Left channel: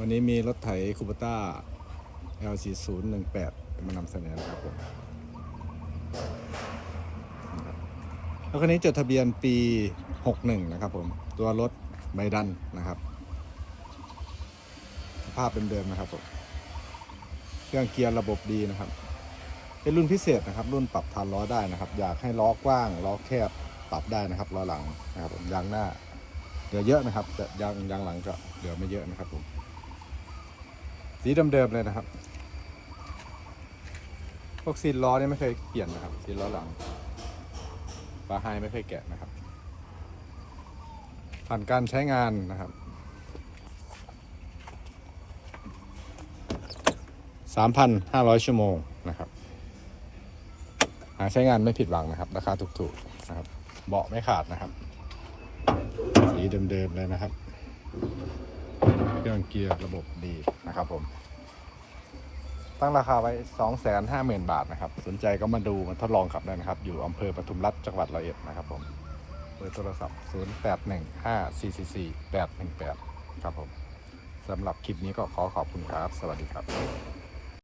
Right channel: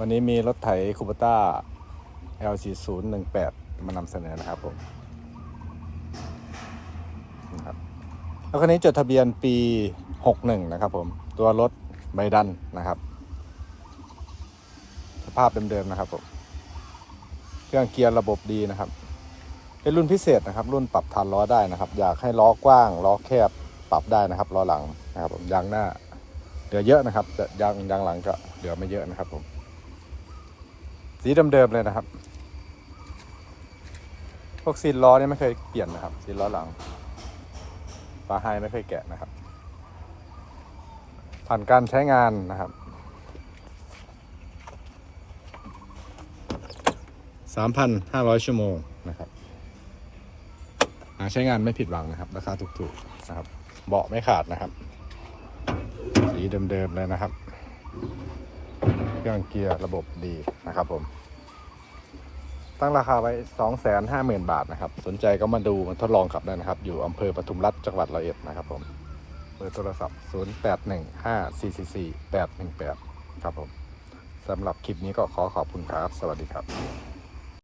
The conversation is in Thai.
วันนี้มีรถไถคูปต้า L4018 มานำเสนอนะครับผมรับแล้วคันนี้จดทะเบียนปี 61 นะครับผม ตัวรถใบดันนะครับ สภาพเดิมๆนะครับผม เครื่องเกียร์ระบบดีนะครับ เป็นรุ่นพิเศษนะครับ รุ่นปรับฐานล้อได้นะครับ อยากให้ล้อกว้าง ล้อแคบ ปรับได้นะครับ ล้อหลังนะครับผม ยางหน้าเหลือเยอะนะครับ ยางยางหลังก็เหลือไม่เยอะนะครับผม สีเดิมๆเลยนะครับ พวกซีนล้อเนี่ยไม่เคยเปลี่ยนนะครับซีนล้อหลังปลาไฮไม่เคยแกะนะครับ ผ่านการใช้งานนะครับ3,500ชั่วโมงนะครับหาใช้งานไม่ผิดหวังนะครับราคาถูกๆนะครับเบาะไม่ขาดนะครับ สีเดิมๆเลยนะครับ เครื่องเกียร์ระบบดีนะครับผม ตั้งราคาไว้ 250,000 บาทนะครับ สนใจก็มาดูทดลองขับได้นะครับ อยู่อำเภอปทุมรัฐจังหวัดระยองนะครับผมเบอร์โทรศัพท์ 0815444818 ครับผมสำหรับคลิปนี้ก็ขอขอบคุณครับ สวัสดีครับ